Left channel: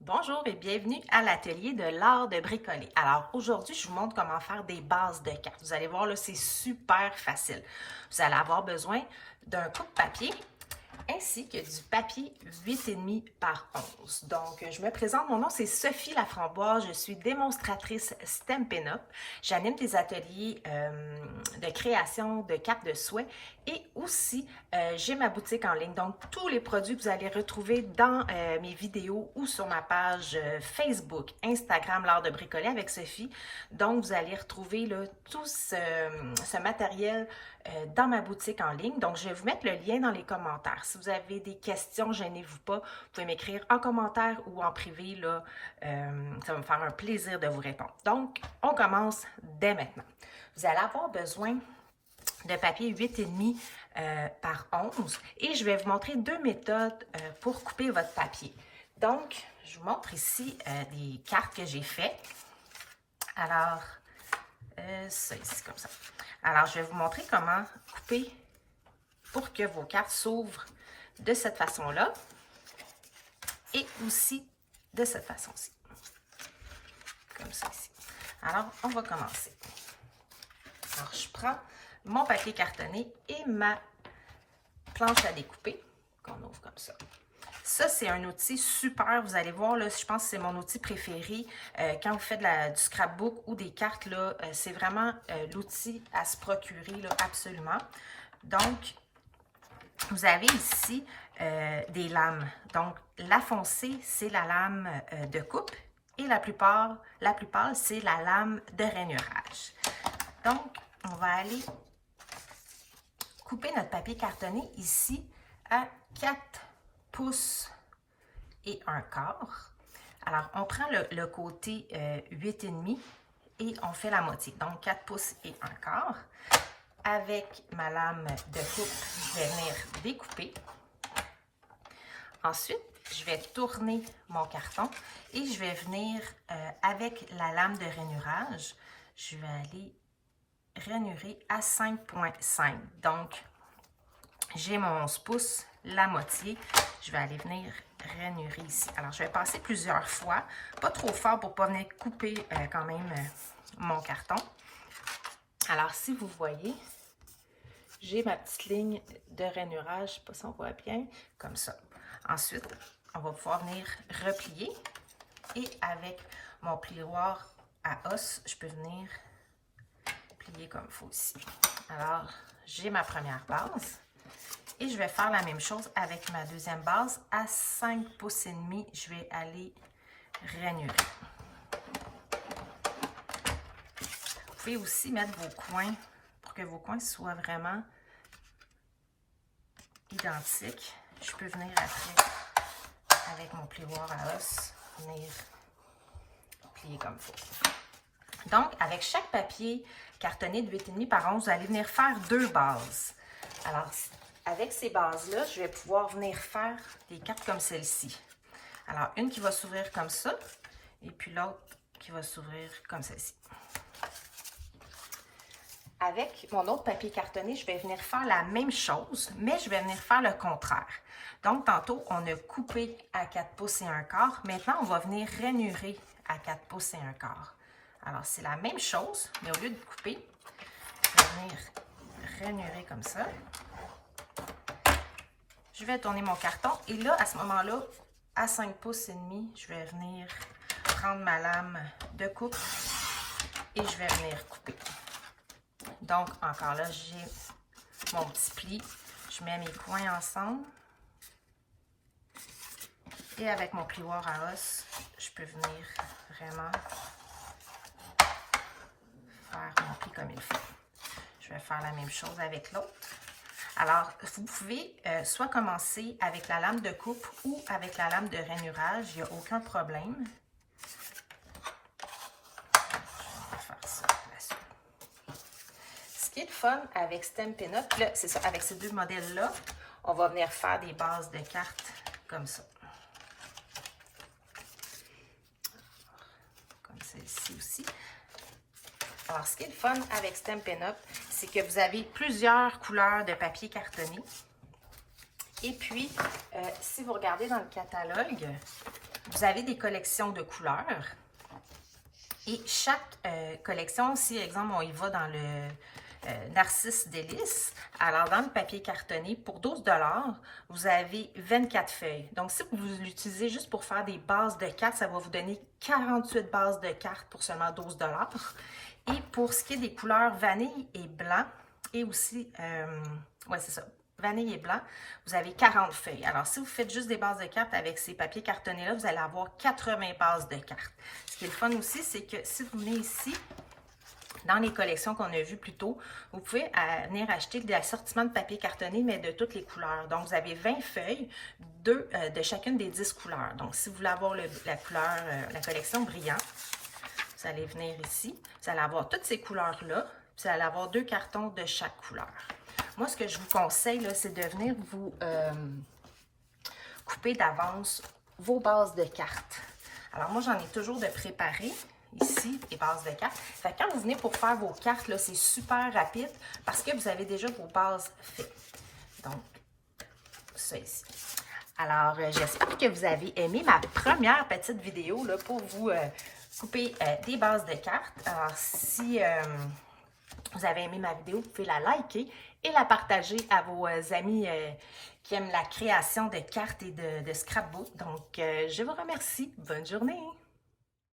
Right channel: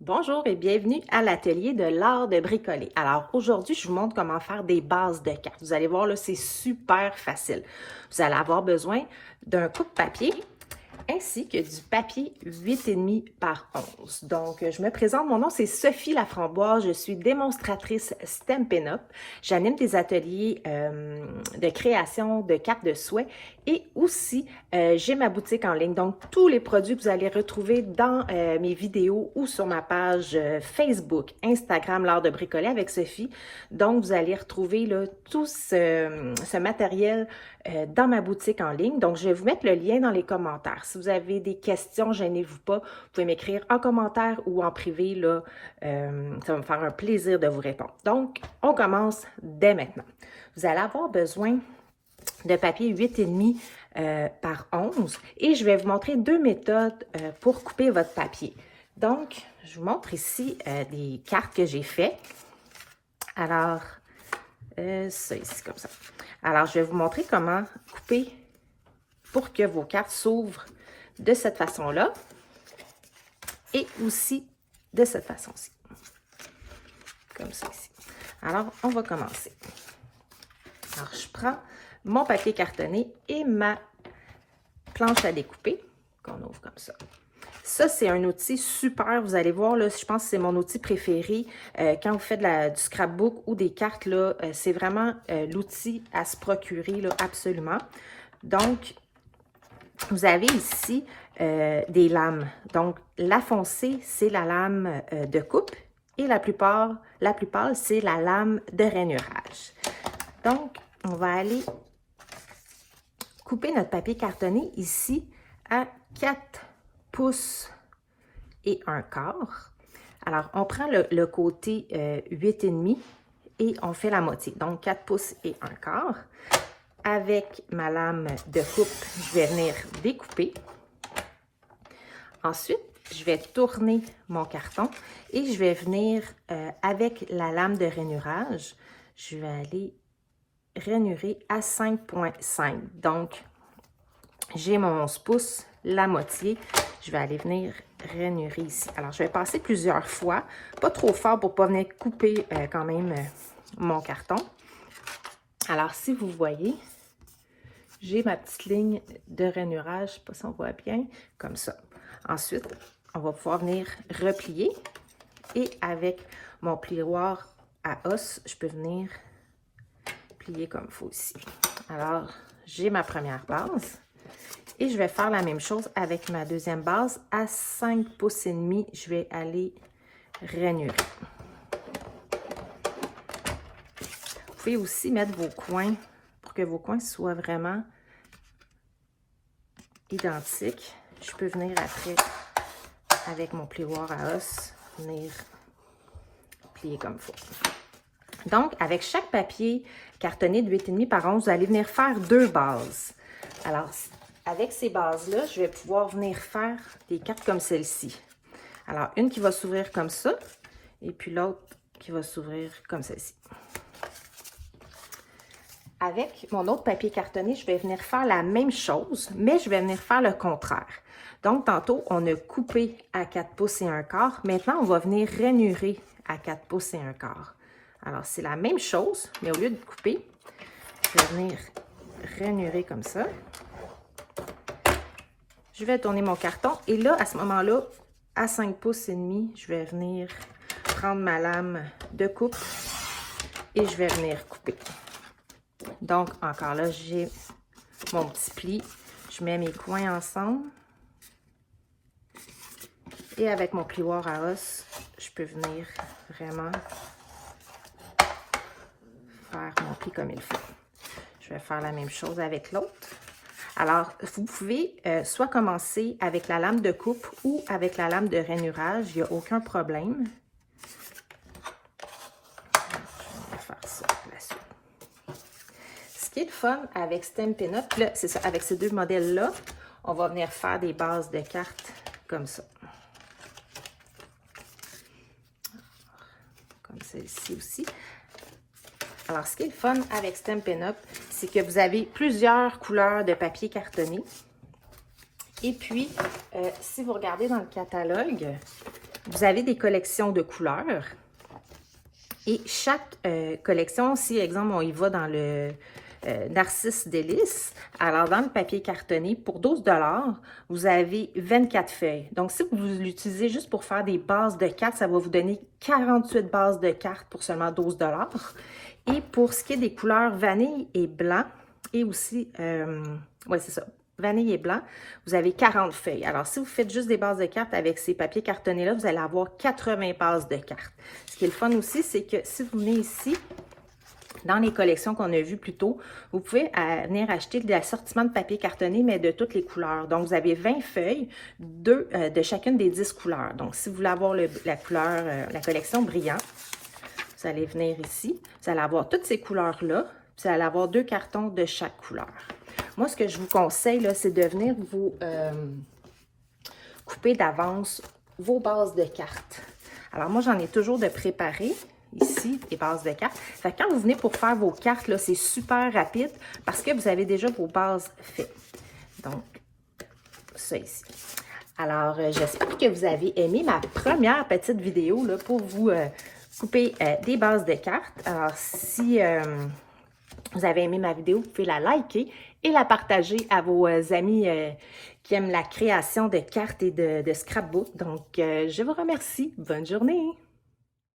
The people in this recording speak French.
Bonjour et bienvenue à l'atelier de l'art de bricoler. Alors aujourd'hui, je vous montre comment faire des bases de cartes. Vous allez voir, là, c'est super facile. Vous allez avoir besoin d'un coupe-papier ainsi que du papier 8,5 par 11. Donc, je me présente, mon nom c'est Sophie Laframboise, je suis démonstratrice Stampin' Up. J'anime des ateliers de création de cartes de souhait et aussi j'ai ma boutique en ligne. Donc, tous les produits que vous allez retrouver dans mes vidéos ou sur ma page Facebook, Instagram, l'art de bricoler avec Sophie. Donc, vous allez retrouver là, tout ce matériel dans ma boutique en ligne. Donc, je vais vous mettre le lien dans les commentaires. Si vous avez des questions, gênez-vous pas. Vous pouvez m'écrire en commentaire ou en privé. Là, ça va me faire un plaisir de vous répondre. Donc, on commence dès maintenant. Vous allez avoir besoin de papier 8,5 par 11 et je vais vous montrer deux méthodes pour couper votre papier. Donc, je vous montre ici des cartes que j'ai faites. Alors, ça ici comme ça. Alors, je vais vous montrer comment couper pour que vos cartes s'ouvrent de cette façon-là et aussi de cette façon-ci. Comme ça ici. Alors, on va commencer. Alors, je prends mon papier cartonné et ma planche à découper qu'on ouvre comme ça. Ça, c'est un outil super. Vous allez voir, là, je pense que c'est mon outil préféré. Quand vous faites du scrapbook ou des cartes, là, c'est vraiment l'outil à se procurer, là, absolument. Donc, vous avez ici des lames. Donc, la foncée, c'est la lame de coupe et la plupart c'est la lame de rainurage. Donc, on va aller couper notre papier cartonné ici à 4 pouces et un quart. Alors, on prend le côté 8,5 et on fait la moitié. Donc, 4 pouces et un quart. Avec ma lame de coupe, je vais venir découper. Ensuite, je vais tourner mon carton et je vais venir avec la lame de rainurage, je vais aller rainurer à 5,5. Donc, j'ai mon 11 pouces, la moitié. Je vais aller venir rainurer ici. Alors, je vais passer plusieurs fois, pas trop fort pour ne pas venir couper quand même mon carton. Alors, si vous voyez, j'ai ma petite ligne de rainurage, je ne sais pas si on voit bien, comme ça. Ensuite, on va pouvoir venir replier et avec mon plioir à os, je peux venir plier comme il faut ici. Alors, j'ai ma première base et je vais faire la même chose avec ma deuxième base. À 5 pouces et demi, je vais aller rainurer. Vous pouvez aussi mettre vos coins pour que vos coins soient vraiment identiques. Je peux venir après, avec mon plioir à os, venir plier comme il faut. Donc, avec chaque papier cartonné de 8,5 par 11, vous allez venir faire deux bases. Alors, avec ces bases-là, je vais pouvoir venir faire des cartes comme celle-ci. Alors, une qui va s'ouvrir comme ça, et puis l'autre qui va s'ouvrir comme celle-ci. Avec mon autre papier cartonné, je vais venir faire la même chose, mais je vais venir faire le contraire. Donc, tantôt, on a coupé à 4 pouces et un quart. Maintenant, on va venir rainurer à 4 pouces et un quart. Alors, c'est la même chose, mais au lieu de couper, je vais venir rainurer comme ça. Je vais tourner mon carton et là, à ce moment-là, à 5 pouces et demi, je vais venir prendre ma lame de coupe et je vais venir couper. Donc, encore là, j'ai mon petit pli. Je mets mes coins ensemble. Et avec mon plioir à os, je peux venir vraiment faire mon pli comme il faut. Je vais faire la même chose avec l'autre. Alors, vous pouvez soit commencer avec la lame de coupe ou avec la lame de rainurage. Il n'y a aucun problème. On va faire ça la suite. Ce qui est le fun avec Stampin' Up, c'est ça, avec ces deux modèles-là, on va venir faire des bases de cartes comme ça. Comme celle-ci aussi. Alors, ce qui est le fun avec Stampin' Up, c'est que vous avez plusieurs couleurs de papier cartonné. Et puis, si vous regardez dans le catalogue, Vous avez des collections de couleurs. Et chaque collection, si, exemple, on y va dans le Narcisse Délices, alors dans le papier cartonné, pour 12 $, vous avez 24 feuilles. Donc, si vous l'utilisez juste pour faire des bases de cartes, ça va vous donner 48 bases de cartes pour seulement 12 $. Et pour ce qui est des couleurs vanille et blanc, et aussi, ouais, c'est ça, vanille et blanc, vous avez 40 feuilles. Alors, si vous faites juste des bases de cartes avec ces papiers cartonnés-là, vous allez avoir 80 bases de cartes. Ce qui est le fun aussi, c'est que si vous venez ici, dans les collections qu'on a vues plus tôt, vous pouvez venir acheter de l'assortiment de papier cartonné, mais de toutes les couleurs. Donc, vous avez 20 feuilles, 2 de chacune des 10 couleurs. Donc, si vous voulez avoir la couleur, la collection brillant, vous allez venir ici, vous allez avoir toutes ces couleurs-là, vous allez avoir 2 cartons de chaque couleur. Moi, ce que je vous conseille, c'est de venir vous couper d'avance vos bases de cartes. Alors, moi, j'en ai toujours de préparer ici, des bases de cartes. Fait que quand vous venez pour faire vos cartes, là, c'est super rapide parce que vous avez déjà vos bases faites. Donc, ça ici. Alors, j'espère que vous avez aimé ma première petite vidéo là, pour vous couper des bases de cartes. Alors, si vous avez aimé ma vidéo, vous pouvez la liker et la partager à vos amis qui aiment la création de cartes et de scrapbook. Donc, je vous remercie. Bonne journée!